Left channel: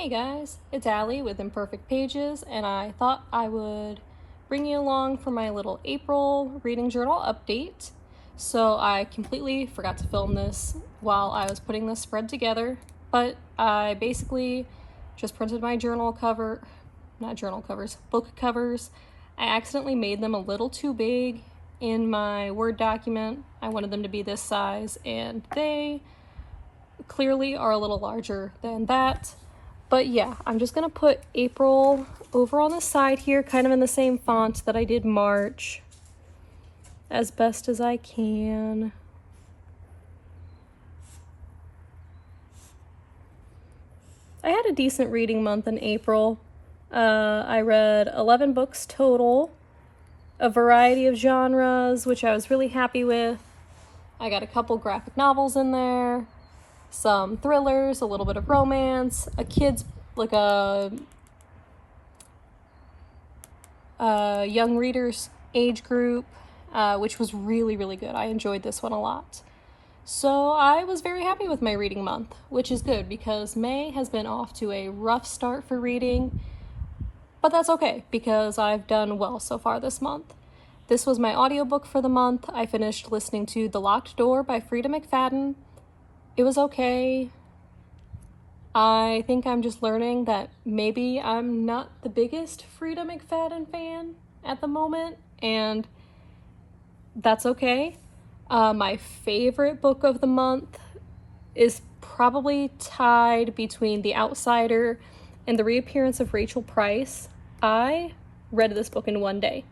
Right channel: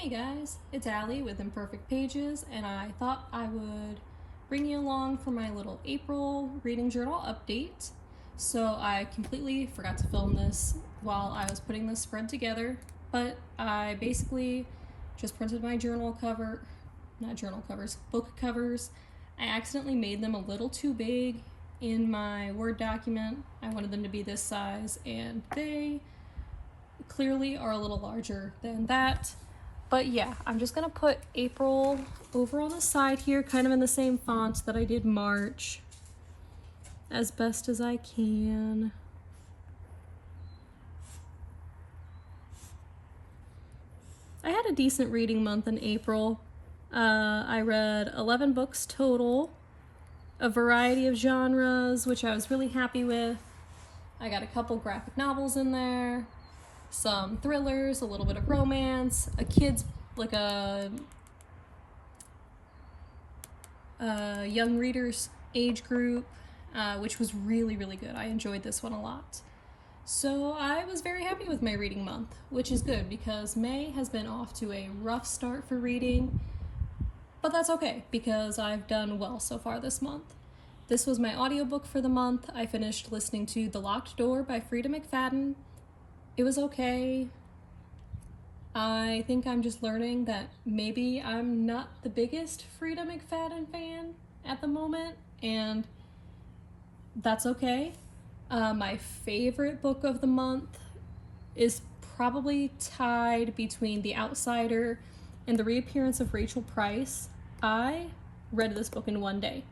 Hey guys, it's Alli with Imperfect Pages, and I thought I would bring you along for my little April reading journal update. So I completely forgot to film this while I was putting this spread together, but I basically just printed my book covers. I accidentally made them a little too big in my Word document. I wanted them to be this size, and they clearly are a little larger than that. But yeah, I'm just gonna put April over on the side here, kind of in the same font that I did March, as best as I can. I had a decent reading month in April. I read 11 books total, a variety of genres, which I was really happy with. I got a couple graphic novels in there, some thrillers, a little bit of romance, a kid's, like a young readers age group, which was really, really good. I enjoyed this one a lot. So I was very happy with my reading month, which is good because May has been off to a rough start for reading, but that's okay because I've done well so far this month. This was my audiobook for the month. I finished listening to The Locked Door by Frida McFadden. It was okay. I think I'm just learning that maybe I'm not the biggest Frida McFadden fan at the moment, and that's okay. My favorite book of the month is probably tied between The Outsider and The Reappearance of Rachel Price. I read this book in one day.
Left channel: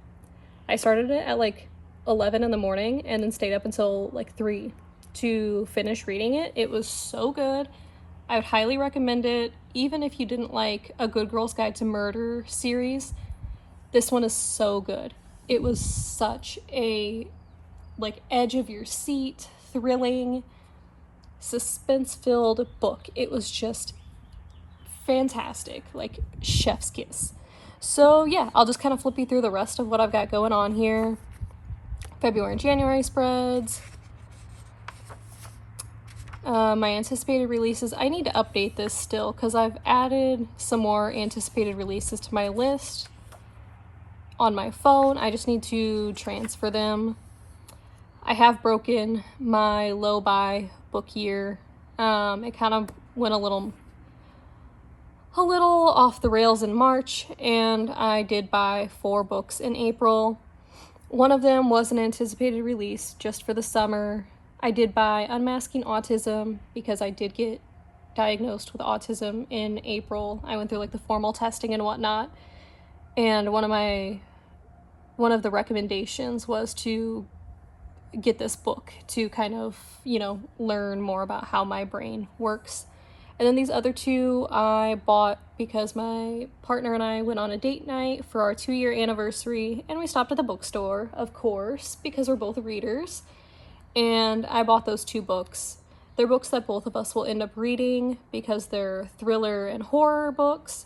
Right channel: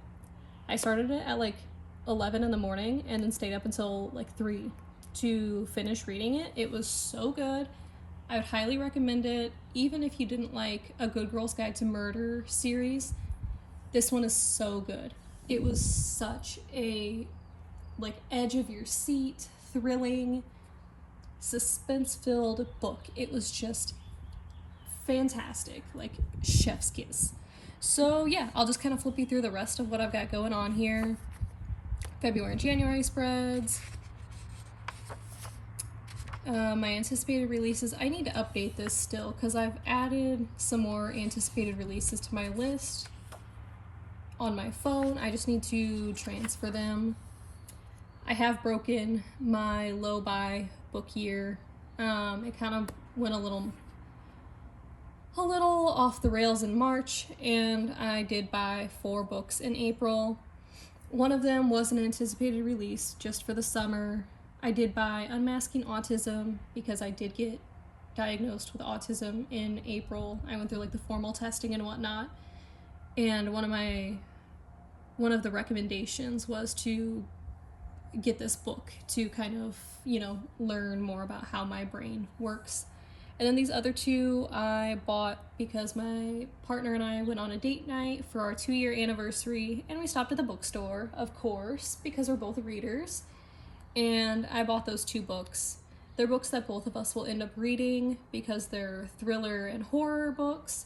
I started it at like 11 in the morning and then stayed up until like 3 to finish reading it. It was so good. I would highly recommend it, even if you didn't like A Good Girl's Guide to Murder series. This one is so good. It was such a like edge of your seat, thrilling, suspense-filled book. It was just fantastic, like chef's kiss. So yeah, I'll just kind of flip you through the rest of what I've got going on here. February and January spreads. My anticipated releases. I need to update this still because I've added some more anticipated releases to my list on my phone. I just need to transfer them. I have broken my low buy book year. It kind of went a little off the rails in March, and I did buy 4 books in April. One of them was an anticipated release just for the summer. I did buy Unmasking Autism because I did get diagnosed with autism in April. I went through like the formal testing and whatnot, and one of the recommendations was to get this book to kind of, learn more about how my brain works. And then these other 2 I bought because my partner and I went on a date night for our 2-year anniversary, and we stopped at the bookstore, of course, because we're both readers. And I bought those 2 books. They're books that both of us will end up reading because they're thriller and horror books.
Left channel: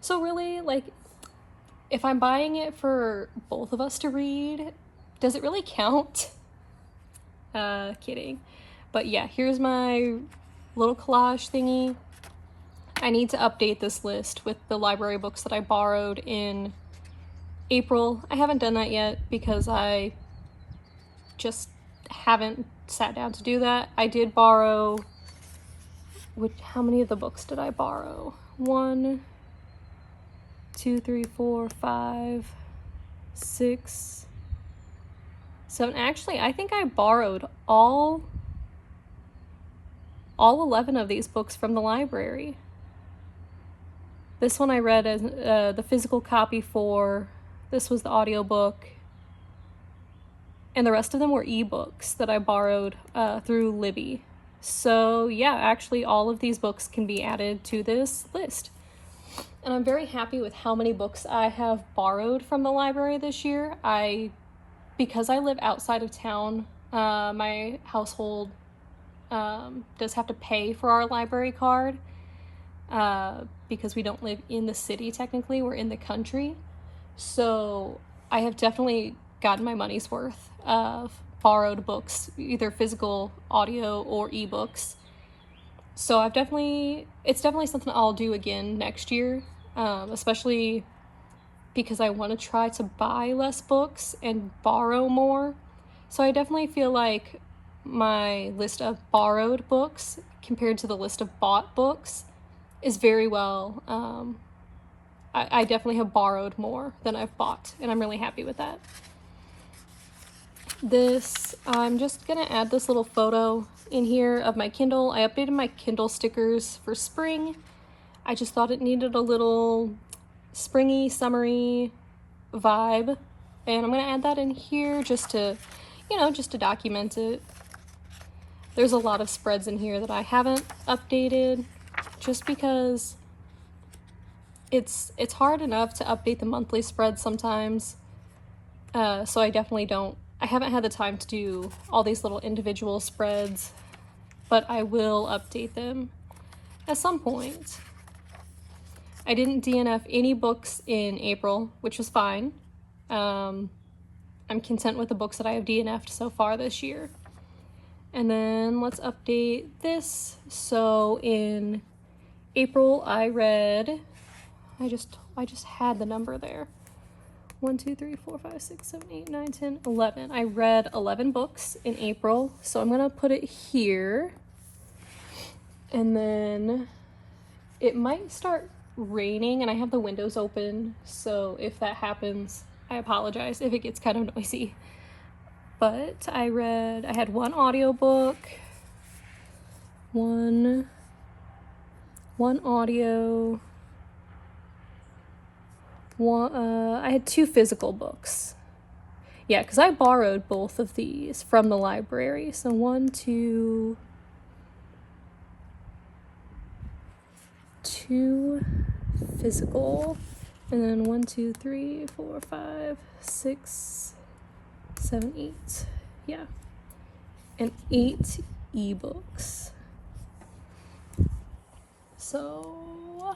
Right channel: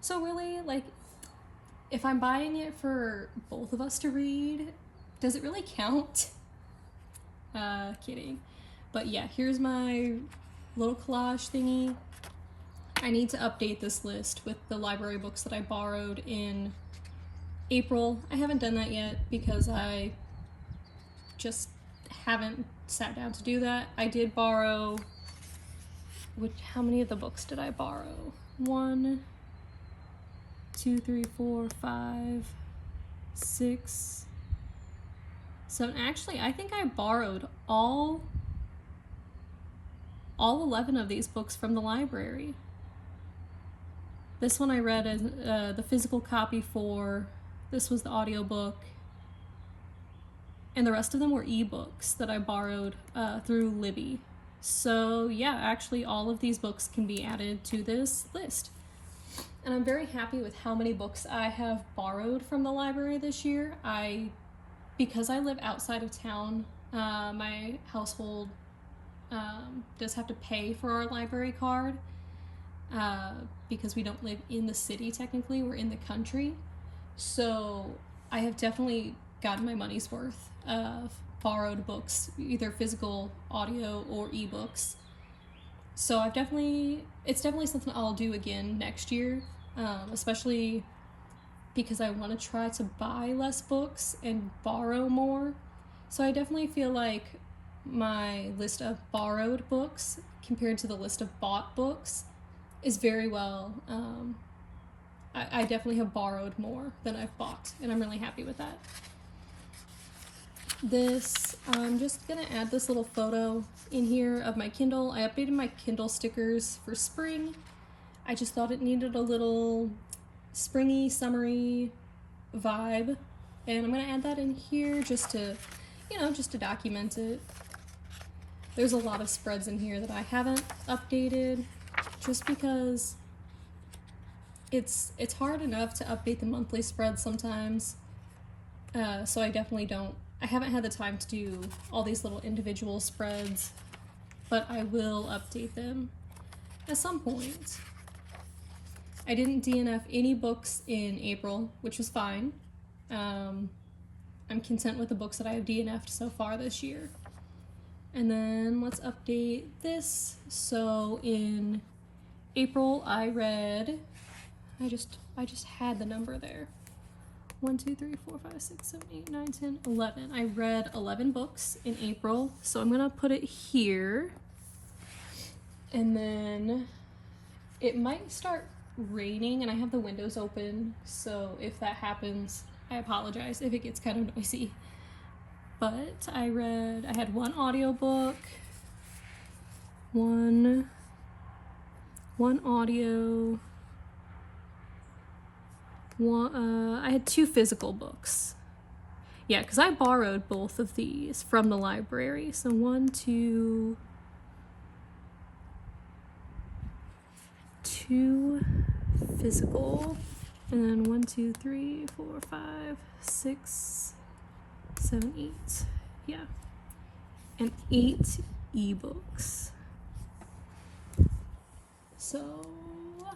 So really, like, if I'm buying it for both of us to read, does it really count? Kidding. But yeah, here's my little collage thingy. I need to update this list with the library books that I borrowed in April. I haven't done that yet because I just haven't sat down to do that. I did borrow, how many of the books did I borrow? 1, 2, 3, 4, 5, 6, 7. Actually, I think I borrowed all 11 of these books from the library. This one I read as the physical copy for. This was the audiobook. And the rest of them were ebooks that I borrowed through Libby. So yeah, actually all of these books can be added to this list. And I'm very happy with how many books I have borrowed from the library this year. Because I live outside of town, my household does have to pay for our library card because we don't live in the city technically, we're in the country. So I have definitely gotten my money's worth of borrowed books, either physical, audio, or ebooks. So it's definitely something I'll do again next year, especially because I want to try to buy less books and borrow more. So I definitely feel like my list of borrowed books compared to the list of bought books is very well, I definitely have borrowed more than I've bought, and I'm really happy with that. I'm just gonna add this little photo in here of my Kindle. I updated my Kindle stickers for spring. I just thought it needed a little springy, summery vibe, and I'm gonna add that in here just to, just to document it. There's a lot of spreads in here that I haven't updated just because it's hard enough to update the monthly spread sometimes. So I haven't had the time to do all these little individual spreads, but I will update them at some point. I didn't DNF any books in April, which was fine. I'm content with the books that I have DNF'd so far this year. And then let's update this. So in April, I read, I just had the number there. 1, 2, 3, 4, 5, 6, 7, 8, 9, 10, 11. I read 11 books in April, so I'm gonna put it here. And then it might start raining and I have the windows open, so if that happens, I apologize if it gets kind of noisy. But I had one audiobook, one audio, I had 2 physical books. Yeah, because I borrowed both of these from the library. So 1, 2 physical, and then 1, 2, 3, 4, 5, 6, 7, 8. Yeah, and 8 ebooks. So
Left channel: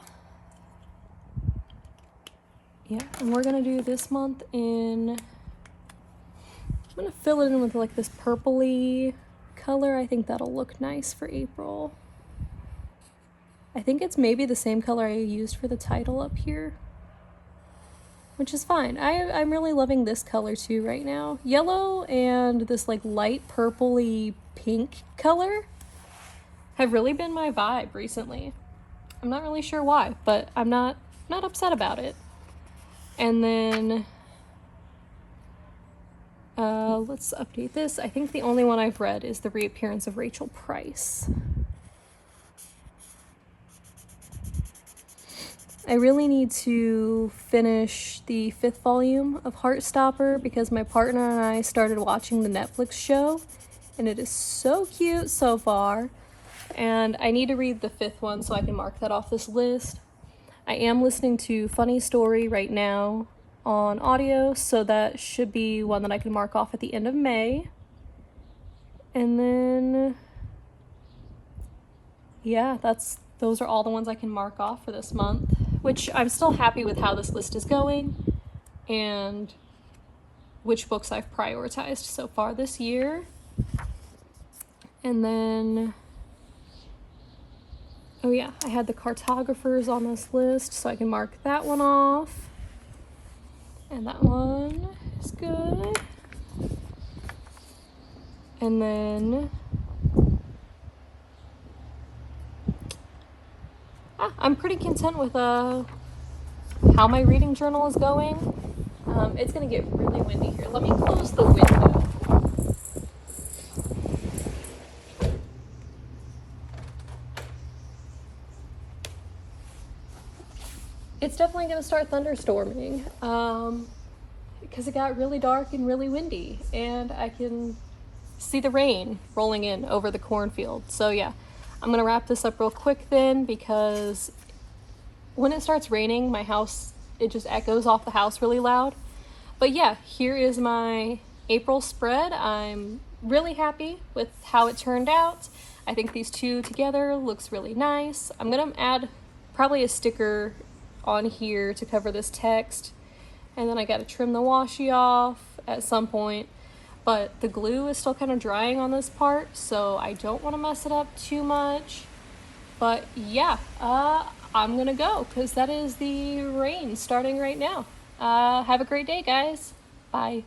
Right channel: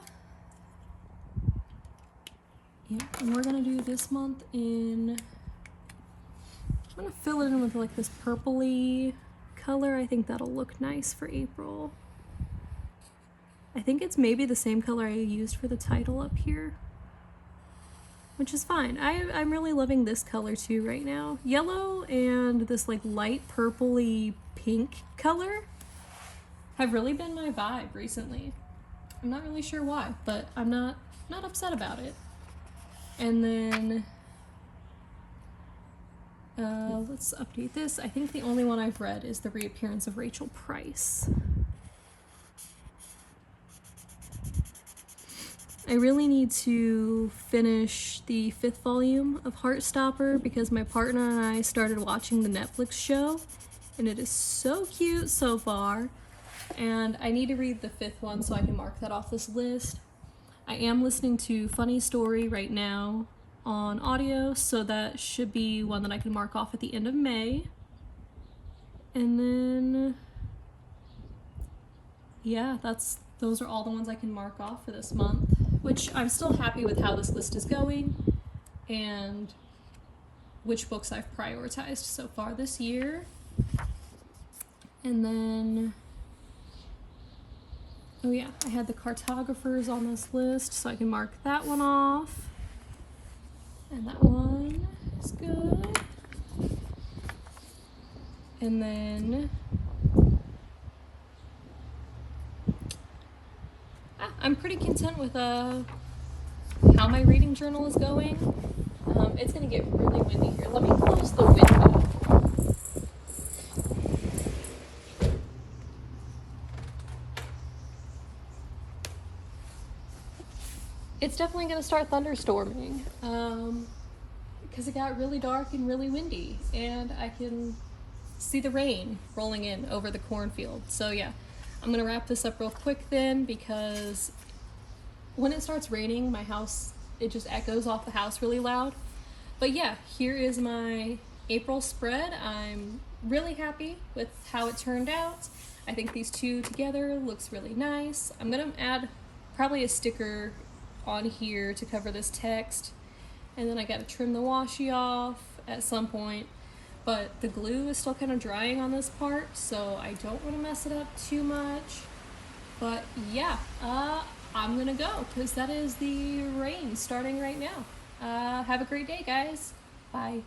yeah, and we're gonna do this month I'm gonna fill it in with like this purpley color. I think that'll look nice for April. I think it's maybe the same color I used for the title up here, which is fine. I'm really loving this color too right now. Yellow and this like light purpley pink color have really been my vibe recently. I'm not really sure why, but I'm not upset about it. And then let's update this. I think the only one I've read is The Reappearance of Rachel Price. I really need to finish the 5th volume of Heartstopper because my partner and I started watching the Netflix show, and it is so cute so far. And I need to read the 5th one so I can mark that off this list. I am listening to Funny Story right now on audio, so that should be one that I can mark off at the end of May. And then, yeah, those are all the ones I can mark off for this month, which I'm still happy with how this list is going and which books I've prioritized so far this year. And then, oh yeah, I had the cartographers on this list, so I can mark that one off. And that one is good. And then, I'm pretty content with how my reading journal is going. It's gonna get really windy here. Let me close the window. It's definitely gonna start thunderstorming because it got really dark and really windy, and I can see the rain rolling in over the cornfield. So yeah, I'm gonna wrap this up real quick then, because when it starts raining, my house, it just echoes off the house really loud. But yeah, here is my April spread. I'm really happy with how it turned out. I think these two together looks really nice. I'm gonna add probably a sticker on here to cover this text, and then I gotta trim the washi off at some point, but the glue is still kind of drying on this part, so I don't want to mess it up too much. But yeah, I'm gonna go because that is the rain starting right now. Have a great day, guys. Bye.